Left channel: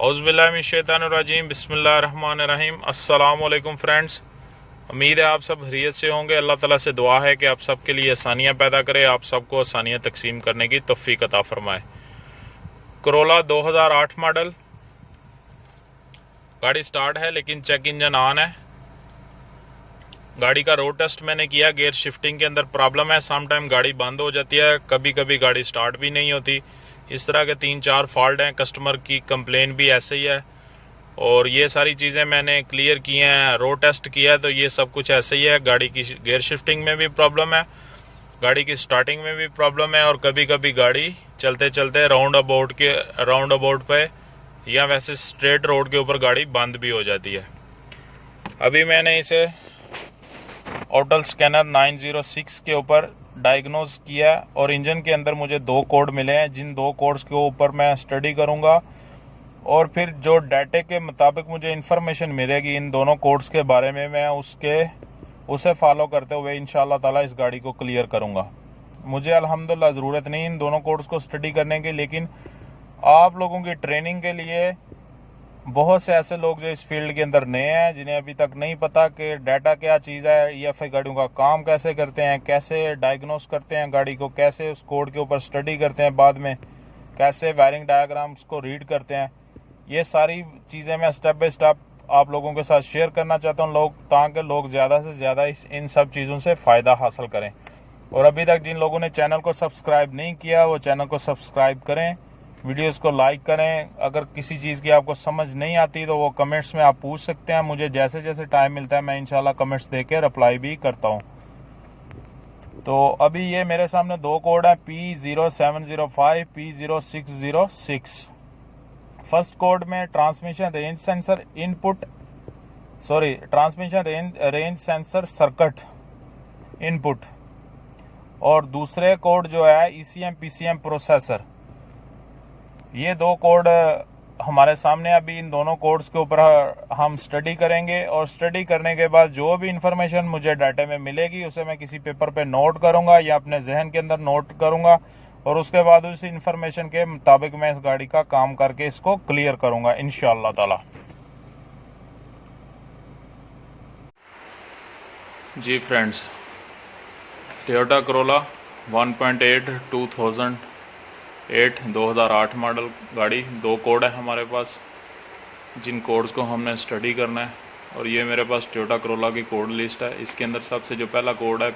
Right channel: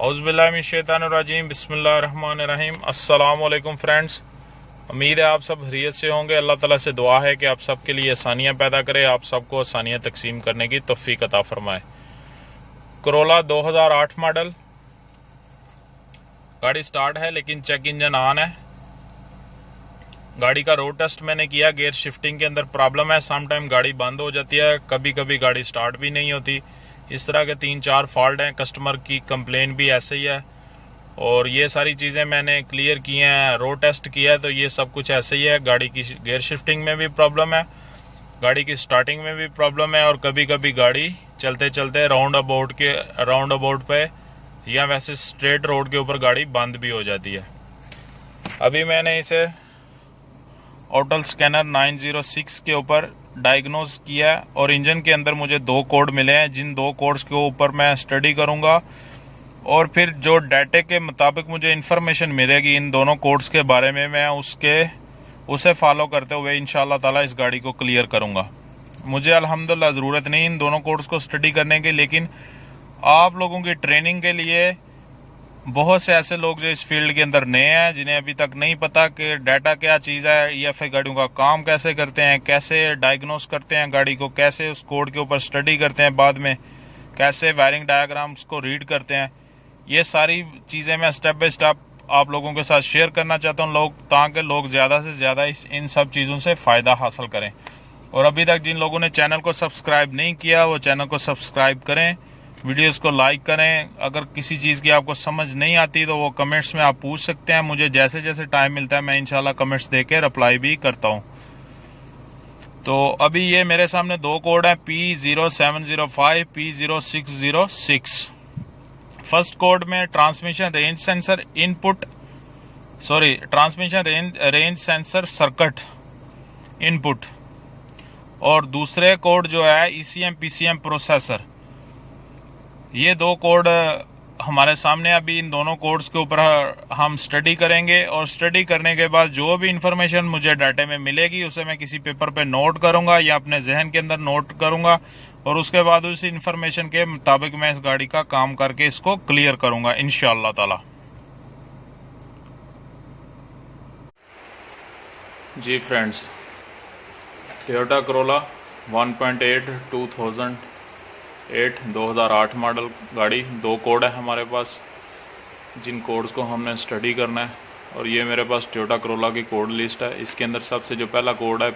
औज़ुबिल्लाहिमिनश्शैतानिर्रजीम बिस्मिल्लाहिर्रहमानिर्रहीम। अस्सलाम वालेकुम फ्रेंड्स, उम्मीद है आप सब खैरियत से होंगे। अल्लाह ताला से दुआ है कि आप सब के लिए आसानियाँ पैदा करे, आप सबको आसानियाँ तकसीम करने की तौफीक अता फरमाए। कोरोला 2008 मॉडल गाड़ी स्टार्ट है लेकिन चेक इंजन ऑन है। गाड़ी का रोड टेस्ट मैंने किया, गियर शिफ्टिंग के अंदर प्रॉब्लम है, सम टाइम गाड़ी बंद हो जाती है, कभी कभी गाड़ी स्टार्ट भी नहीं होती। इस तरह के 3-4 फॉल्ट हैं, कस्टमर की कंप्लेन भी ऐसे ही है और ये सारी चीज़ें मैंने क्लियर की हैं, रोड टेस्ट किया है तो ये सब कुछ ऐसे ही है। गाड़ी की गियर शिफ्टिंग में भी प्रॉब्लम है, गाड़ी की स्टार्टिंग में भी प्रॉब्लम है और कभी कभी गाड़ी चलते चलते राउंड अबाउट पे या वैसे स्ट्रेट रोड के ऊपर गाड़ी बंद भी हो जाती है। अभी मैंने इसे ऑटल स्कैनर 906 के ऊपर डायग्नोज किया है और इंजन के अंदर मुझे 2 कोड मिले हैं, जिन 2 कोड्स के ऊपर मैं स्टडी करूंगा और फिर जो डाटे के मुताबिक मुझे इन्फॉर्मेशन मिलेगी इन दोनों कोड्स के बारे में, मैं उसे फॉलो करते हुए इंशाल्लाह ताला इस गाड़ी को क्लियर करूंगा। मुझे अल्हम्दुलिल्लाह ज़रूरत नहीं इन दोनों कोड्स को स्टडी करने की, लेकिन आप लोगों की ट्रेनिंग के लिए बहुत से ऐसे लोग जो इस फील्ड के अंदर नए हैं, जिन्हें अभी तक नहीं पता कि डाटा क्या चीज़ है, EFI गाड़ियों का काम कैसे करते हैं, कैसे डायग्नोस करते हैं गाड़ी को, कैसे उस कोड के ऊपर स्टडी करते हैं, बाद में कैसे वायरिंग डायग्राम्स को रीड करते हैं, ये सारी चीज़ें मैं स्टेप बाय स्टेप आप लोगों के साथ शेयर करना चाहता हूँ ताकि लोग ज़्यादा से ज़्यादा इन सब चीज़ों से फ़ायदा हासिल करें। और अभी तक जिन लोगों ने चैनल को सब्सक्राइब नहीं किया वो चैनल को सब्सक्राइब करें, वीडियोस को लाइक करें। अगर किसी चीज़ की आपको समझ नहीं आती तो वो कमेंट्स में आप पूछ सकते हैं, मुझे जैसे जैसे टाइम मिलता है मैं इंशाल्लाह कमेंट्स देके रिप्लाई भी करता हूँ। तो अभी ये मेरे सामने 2 कोड हैं, P0705 P0606। फर्स्ट कोड में transmission range sensor circuit input और दूसरे कोड जो है ECM PCM प्रोसेसर। ये 2 कोड हमारे सामने, अभी इन दोनों कोड्स के ऊपर हम स्टडी करेंगे और स्टडी करने के बाद जो भी इंफॉर्मेशन मुझे डाटे में मिलेगी उसे मैं किसी पेपर पे नोट करूंगा या अपने जहन के अंदर नोट करूंगा और उसके बाद उसी इंफॉर्मेशन के मुताबिक मैं इस गाड़ी का काम करके इसको क्लियर करूंगा इंशाअल्लाह ताला। जी फ्रेंड्स, टोयोटा कोरोला 1.8 2008 मॉडल गाड़ी, 2 कोड है हमारे पास, जिन कोड्स को हमने स्टडी करना है। और ये मेरे पास टोयोटा कोरोला की कोड लिस्ट है। इसके अंदर सबसे जो पहला कोड है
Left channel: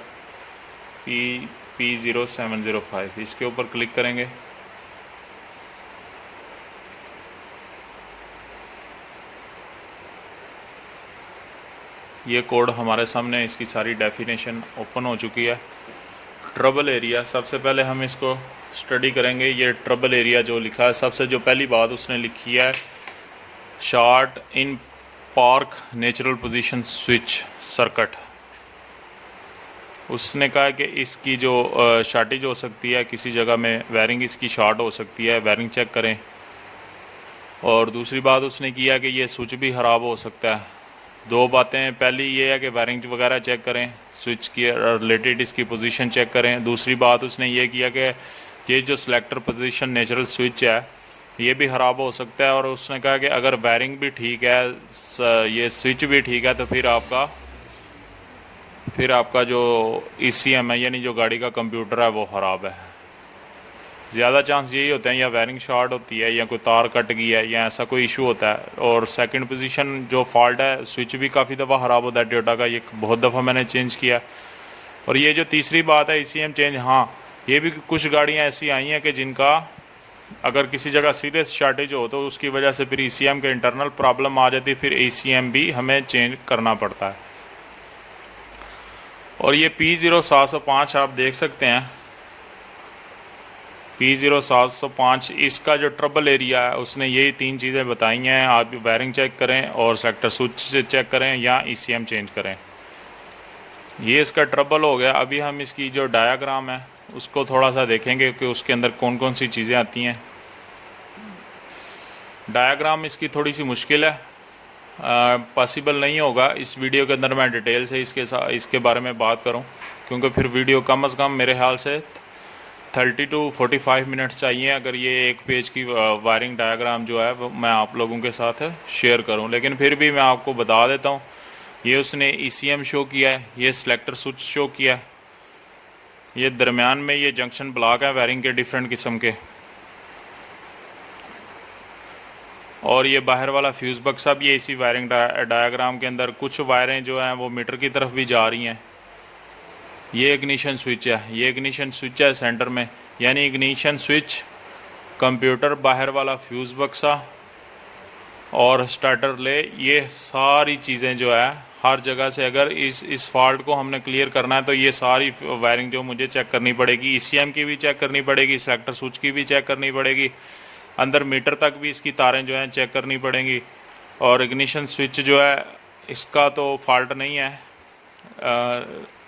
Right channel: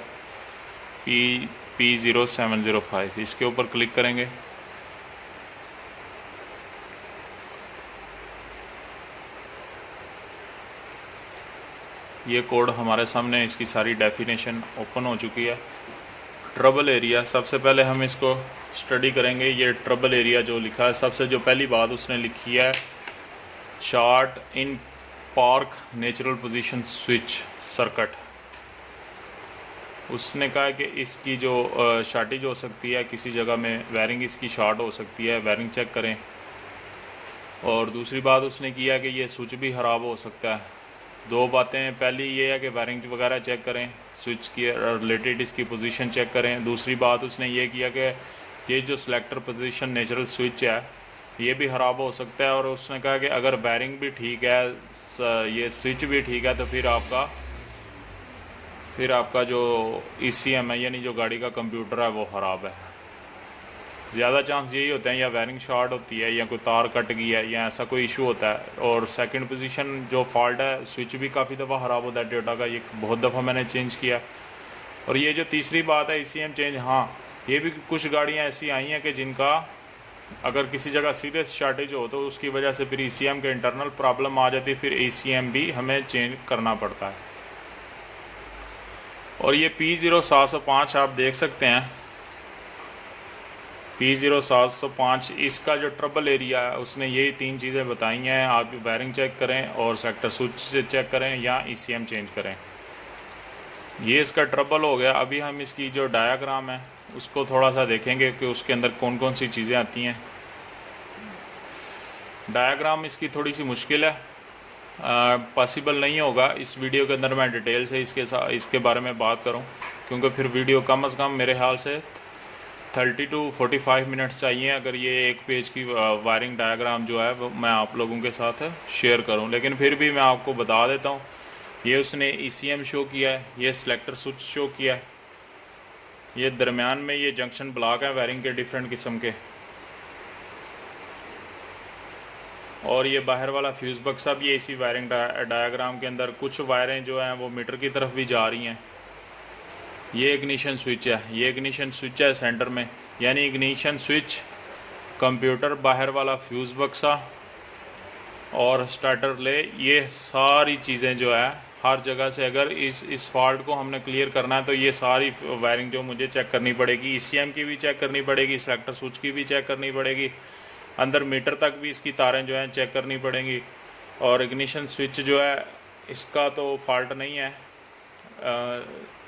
P0705, इसके ऊपर क्लिक करेंगे। ये कोड हमारे सामने, इसकी सारी डेफिनेशन ओपन हो चुकी है। ट्रबल एरिया, सबसे पहले हम इसको स्टडी करेंगे। ये ट्रबल एरिया जो लिखा है, सबसे जो पहली बात उसने लिखी है, short in park natural position switch circuit. उसने कहा कि इसकी जो शॉर्टेज हो सकती है, किसी जगह में वायरिंग इसकी शॉर्ट हो सकती है, वायरिंग चेक करें। और दूसरी बात उसने किया कि ये स्विच भी ख़राब हो सकता है। 2 बातें, पहली ये है कि वायरिंग वगैरह चेक करें, स्विच की रिलेटेड इसकी पोजीशन चेक करें। दूसरी बात उसने ये किया कि ये जो सिलेक्टर पोजीशन नेचुरल स्विच है ये भी ख़राब हो सकता है। और उसने कहा कि अगर वायरिंग भी ठीक है, ये स्विच भी ठीक है, तो फिर आपका जो ECM है यानी जो गाड़ी का कंप्यूटर है वो ख़राब है। ज़्यादा चांस यही होते हैं या वायरिंग शॉर्ट होती है या कोई तार कट गई है या ऐसा कोई इशू होता है। और सेकंड पोजीशन जो फॉल्ट है, स्विच भी काफ़ी दफ़ा ख़राब होता है टोयोटा का, ये बहुत दफ़ा मैंने चेंज किया। और ये जो तीसरी बात है ECM चेंज, हाँ ये भी कुछ गाड़ियाँ ऐसी आई हैं कि जिनका अगर किसी जगह सीरियस शॉर्टेज हो तो उसकी वजह से फिर ECM के इंटरनल प्रॉब्लम आ जाती है, फिर ECM भी हमें चेंज करना पड़ता है। और ये P0705 आप देख सकते हैं, P0705 इसका जो ट्रबल एरिया है उसने यही 3 चीज़ें बताई हैं। आप वायरिंग चेक करें और सेक्टर स्विच से चेक करें या ECM चेंज करें। ये इसका ट्रबल हो गया। अभी हम इसकी जो डायाग्राम है उसको थोड़ा सा देखेंगे कि उसके अंदर कौन कौन सी चीज़ें आती हैं। डायाग्राम इसकी थोड़ी सी मुश्किल है, पॉसिबल नहीं होगा इस वीडियो के अंदर मैं डिटेल से इसके बारे में बात करूं, क्योंकि फिर वीडियो कम से कम मेरे ख्याल से 30 to 45 मिनट्स चाहिए अगर ये एक पेज की वायरिंग डायग्राम जो है वो मैं आप लोगों के साथ शेयर करूं। लेकिन फिर भी मैं आपको बता देता हूं, ये उसने ECM शो किया है, ये सिलेक्टर स्विच शो किया है, ये दरमियान में ये जंक्शन ब्लॉक है वायरिंग के डिफरेंट किस्म के, और ये बाहर वाला फ्यूज़ बक्सा भी है इसी वायरिंग डायग्राम के अंदर। कुछ वायरें जो हैं वो मीटर की तरफ भी जा रही हैं। ये इग्निशन स्विच है, ये इग्निशन स्विच है सेंटर में, यानी इग्निशन स्विच, कंप्यूटर, बाहर वाला फ्यूज़ बक्सा और स्टार्टर ले, ये सारी चीज़ें जो है हर जगह से अगर इस फॉल्ट को हमने क्लियर करना है तो ये सारी वायरिंग जो मुझे चेक करनी पड़ेगी, ECM की भी चेक करनी पड़ेगी, सेलेक्टर स्विच की भी चेक करनी पड़ेगी, अंदर मीटर तक भी इसकी तारें जो हैं चेक करनी पड़ेंगी। और इग्निशन स्विच जो है इसका तो फॉल्ट नहीं है,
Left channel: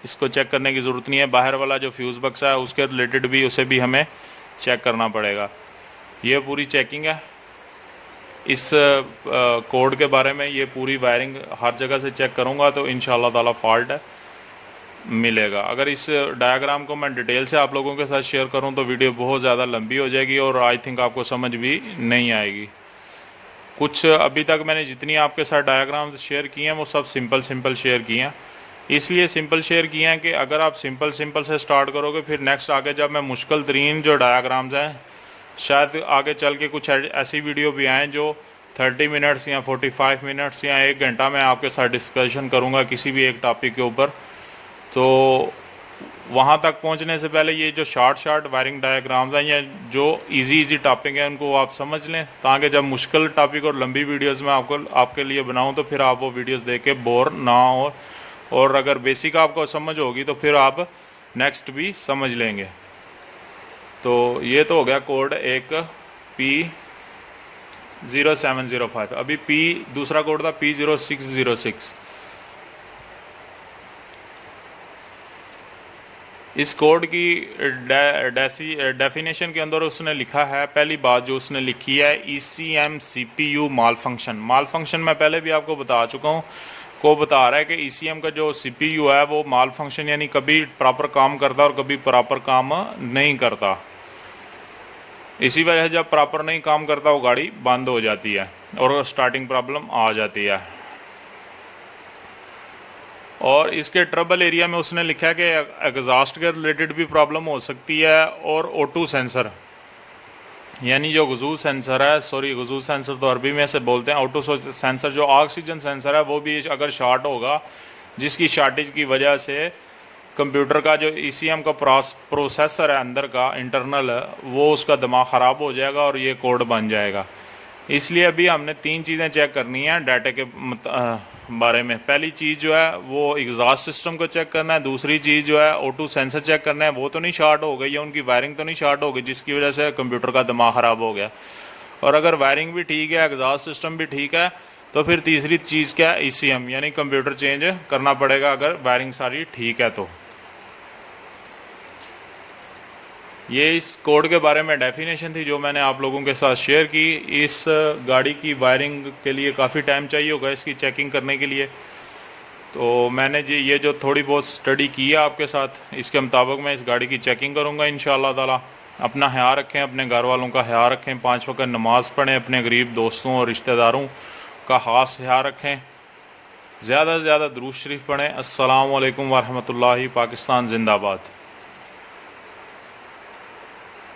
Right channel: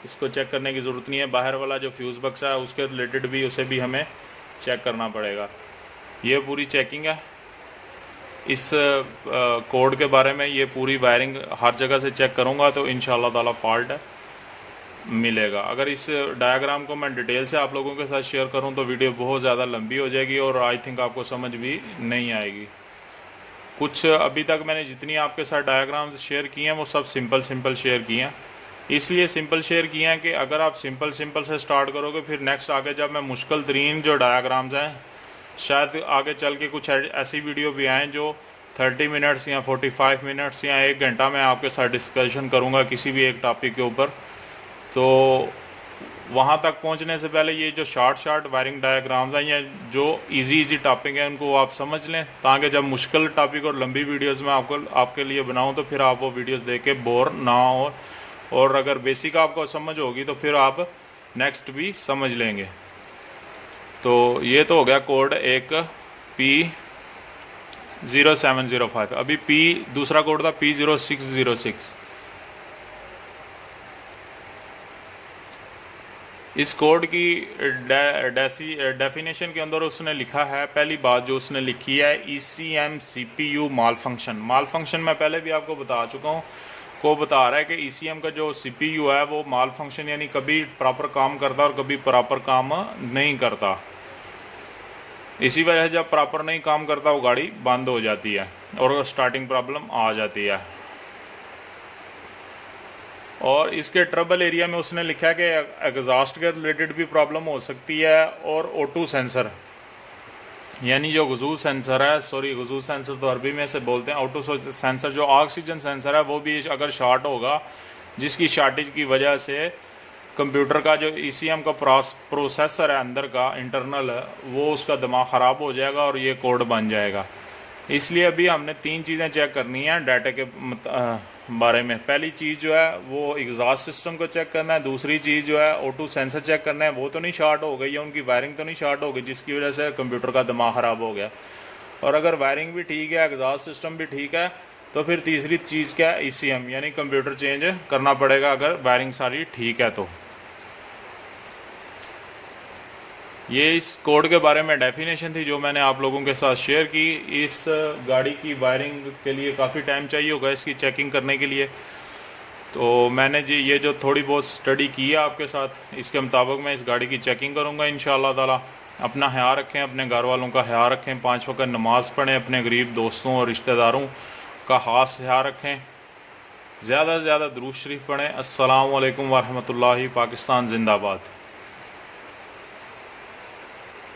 इसको चेक करने की ज़रूरत नहीं है। बाहर वाला जो फ्यूज़ बक्सा है उसके रिलेटेड भी उसे भी हमें चेक करना पड़ेगा। ये पूरी चेकिंग है इस कोड के बारे में। ये पूरी वायरिंग हर जगह से चेक करूँगा तो इंशाल्लाह ताला फॉल्ट है मिलेगा। अगर इस डायग्राम को मैं डिटेल से आप लोगों के साथ शेयर करूं तो वीडियो बहुत ज़्यादा लंबी हो जाएगी और आई थिंक आपको समझ भी नहीं आएगी। कुछ अभी तक मैंने जितनी आपके साथ डायग्राम शेयर किए हैं वो सब सिंपल शेयर किए हैं। इसलिए सिंपल शेयर किए हैं कि अगर आप सिंपल से स्टार्ट करोगे, फिर नेक्स्ट आगे जब मैं मुश्किल तरीन जो डायग्राम्स हैं, शायद आगे चल के कुछ ऐसी वीडियो भी आएँ जो 30 मिनट्स या 45 मिनट्स या 1 घंटा में आपके साथ डिस्कशन करूँगा किसी भी एक टॉपिक के ऊपर। तो वहाँ तक पहुँचने से पहले ये जो शॉर्ट वायरिंग डायग्राम्स हैं या जो इजी टॉपिक हैं उनको आप समझ लें, ताकि जब मुश्किल टॉपिक और लंबी वीडियोस में आपके लिए बनाऊं तो फिर आप वो वीडियोस देख के बोर ना हो, और अगर बेसिक आपको समझ होगी तो फिर आप नेक्स्ट भी समझ लेंगे। तो ये तो हो गया कोड एक P0705। अभी दूसरा कोड था P0606। इस कोड की डेफिनेशन के अंदर उसने लिखा है, पहली बात जो उसने लिखी है, ECM CPU माल फंक्शन मैं पहले भी आपको बता चुका हूँ, को बता रहा है कि ECM का जो CPU है वो माल फंक्शन यानी कभी प्रॉपर काम करता और कभी प्रॉपर काम नहीं करता। इसी वजह से जब प्रॉपर नहीं काम करता वो गाड़ी बंद हो जाती है और स्टार्टिंग प्रॉब्लम आ जाती है। और इसके ट्रबल एरिया में उसने लिखा है कि एग्जॉस्ट के रिलेटेड भी प्रॉब्लम हो सकती है, और O2 सेंसर यानी जो गजू सेंसर है, गजू सेंसर तो अरबी में से बोलते हैं, O2 सेंसर जो ऑक्सीजन सेंसर है वो भी अगर शॉर्ट होगा, जिसकी शॉर्टेज की वजह से कंप्यूटर का जो ECM का प्रोसेसर है अंदर का इंटरनल, वो उसका दिमाग ख़राब हो जाएगा और ये कोड बन जाएगा। इसलिए अभी हमने 3 चीज़ें चेक करनी है डाटा के बारे में। पहली चीज़ जो है वो एग्जॉस्ट सिस्टम को चेक करना है, दूसरी चीज़ जो है O2 सेंसर चेक करना है, वो तो नहीं शॉर्ट हो गई या उनकी वायरिंग तो नहीं शॉर्ट हो गई जिसकी वजह से कंप्यूटर का दिमाग ख़राब हो गया। और अगर वायरिंग भी ठीक है, एग्जॉस्ट सिस्टम भी ठीक है, तो फिर तीसरी चीज़ क्या है, ECM यानी कंप्यूटर चेंज करना पड़ेगा अगर वायरिंग सारी ठीक है तो। ये इस कोड के बारे में डेफिनेशन थी जो मैंने आप लोगों के साथ शेयर की। इस गाड़ी की वायरिंग के लिए काफ़ी टाइम चाहिए होगा इसकी चेकिंग करने के लिए, तो मैंने जी ये जो थोड़ी बहुत स्टडी की है आपके साथ, इसके मुताबिक मैं इस गाड़ी की चेकिंग करूँगा इंशाअल्लाह ताला। अपना ख्याल रखें, अपने घर वालों का ख्याल रखें, 5 वक्त नमाज़ पढ़ें, अपने गरीब दोस्तों और रिश्तेदारों का ख़ास ख्याल रखें, ज़्यादा से ज़्यादा दुरूद शरीफ पढ़ें। अस्सलामु अलैकुम वरहमतुल्लाहि। पाकिस्तान जिंदाबाद।